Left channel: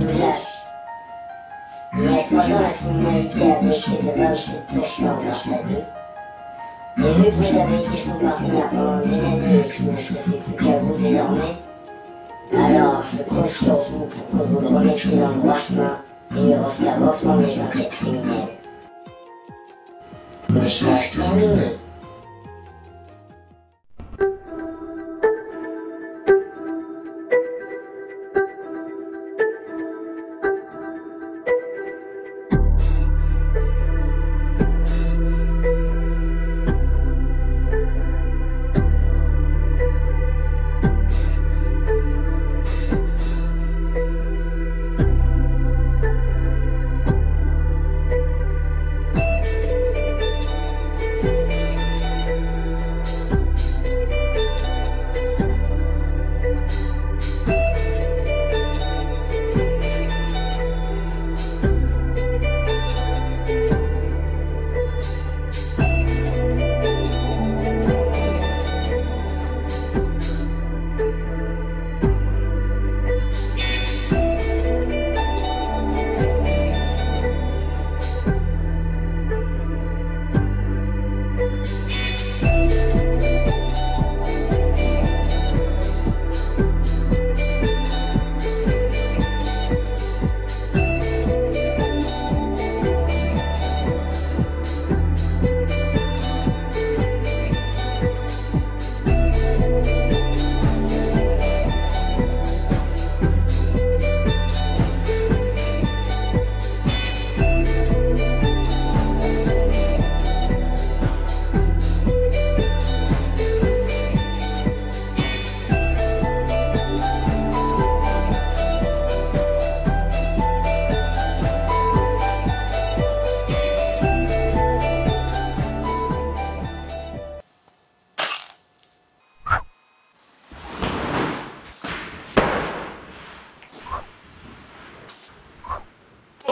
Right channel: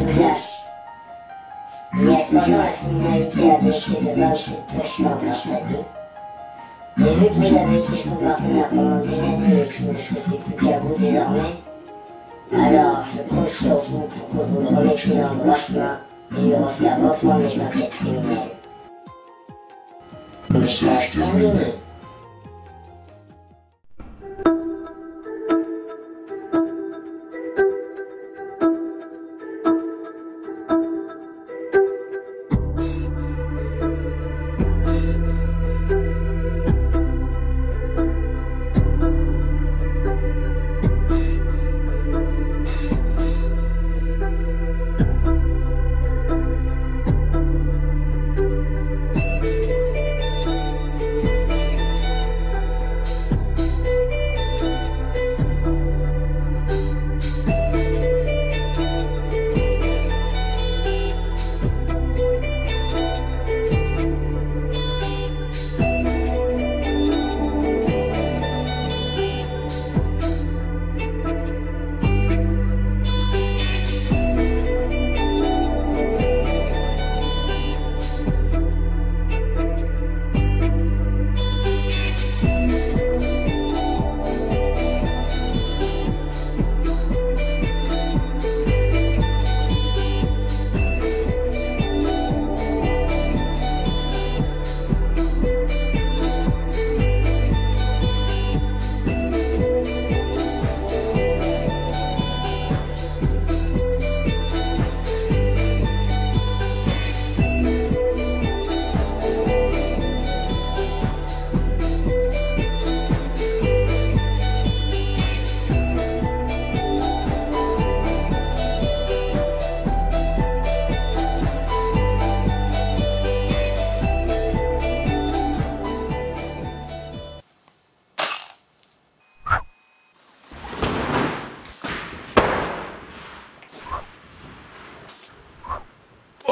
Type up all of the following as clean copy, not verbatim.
Oulias. Il y a 3 ans, la criminalité a baissé de 27% grâce. Et vu que vous avez été son partenaire pendant des années et que je ne suis plus qu'à vous désormais, alors je compte sur vous pour que vous le remettiez dans le droit chemin et lui refaire reprendre les enquêtes criminelles. Le stage terminé.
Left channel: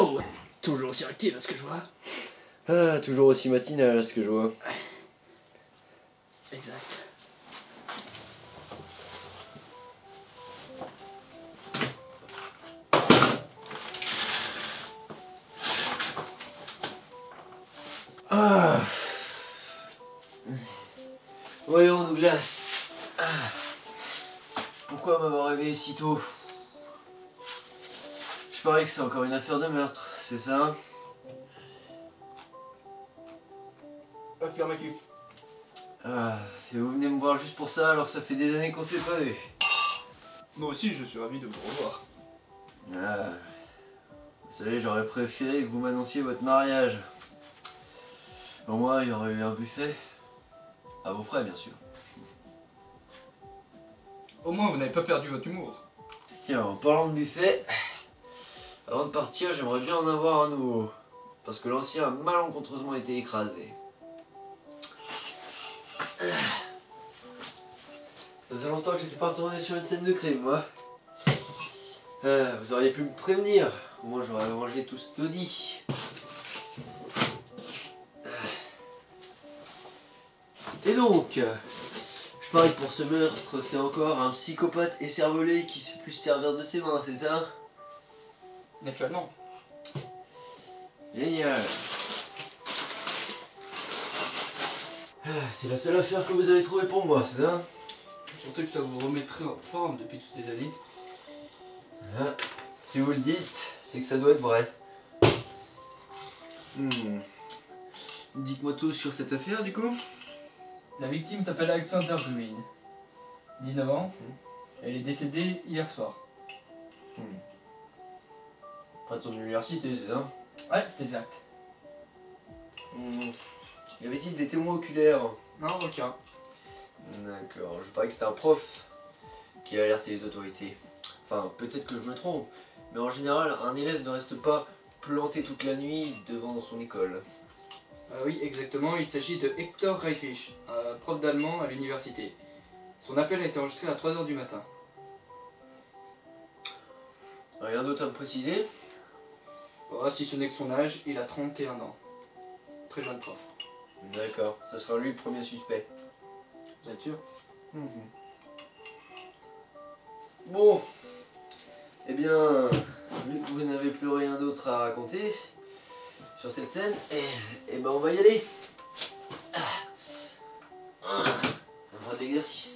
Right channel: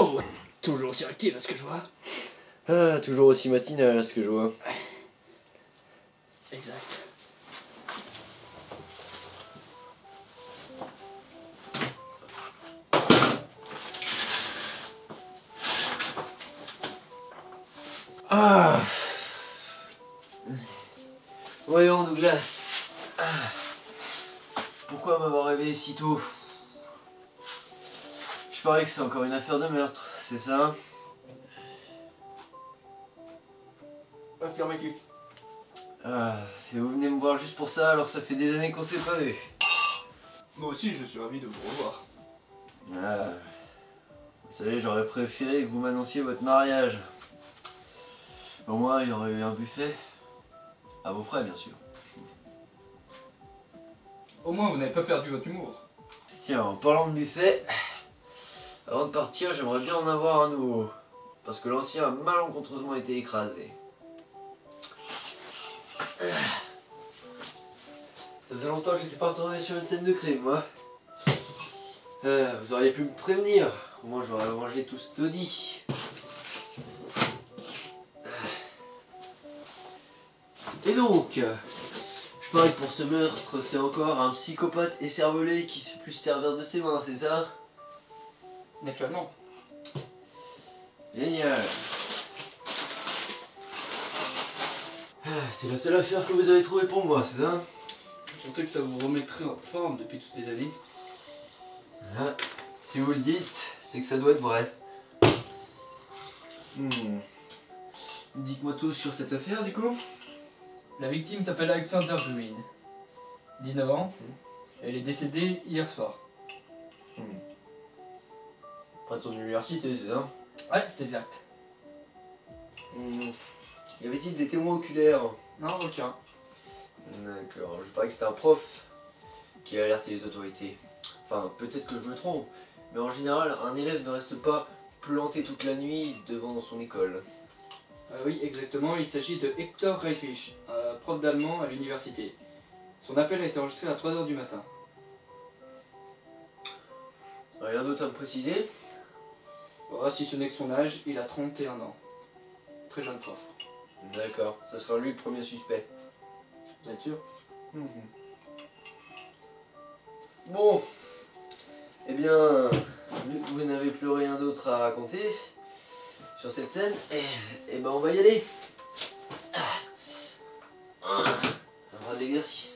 Oh, toujours aussi active à ce que je vois. Ah, toujours aussi matinal à ce que je vois. Exact. Ah. Voyons, Douglas. Ah. Pourquoi m'avoir réveillé si tôt? Je parie que c'est encore une affaire de meurtre, c'est ça? Affirmatif. Ah, et vous venez me voir juste pour ça alors que ça fait des années qu'on s'est pas vu. Moi aussi, je suis ravi de vous revoir. Ah. Vous savez, j'aurais préféré que vous m'annonciez votre mariage. Au moins, il y aurait eu un buffet. À vos frais, bien sûr. Au moins, vous n'avez pas perdu votre humour. Tiens, en parlant de buffet, avant de partir, j'aimerais bien en avoir un nouveau. Parce que l'ancien a malencontreusement été écrasé. Ça faisait longtemps que j'étais pas retourné sur une scène de crime, moi. Vous auriez pu me prévenir. Au moins, j'aurais mangé tout ce taudis. Et donc, je parie que pour ce meurtre, c'est encore un psychopathe écervelé qui sait plus se servir de ses mains, c'est ça? Naturellement. Génial. C'est la seule affaire que vous avez trouvée pour moi, c'est ça? Je pensais que ça vous remettrait en forme depuis toutes ces années. Ah, si vous le dites, c'est que ça doit être vrai. Dites-moi tout sur cette affaire, du coup. La victime s'appelle Alexander Green. 19 ans. Elle est décédée hier soir. Pas de ton université, c'est ça? Ouais, c'est exact. Y avait-il des témoins oculaires? Non, aucun. D'accord, je parie que c'était un prof qui a alerté les autorités. Enfin, peut-être que je me trompe, mais en général, un élève ne reste pas planté toute la nuit devant son école. Oui, exactement, il s'agit de Hector Reichrich, prof d'allemand à l'université. Son appel a été enregistré à 3 h du matin. Rien d'autre à me préciser? Oh, si ce n'est que son âge, il a 31 ans. Très jeune prof. D'accord, ça sera lui le premier suspect. Vous êtes sûr? Bon, eh bien, vu que vous n'avez plus rien d'autre à raconter sur cette scène, et ben on va y aller. On va de l'exercice.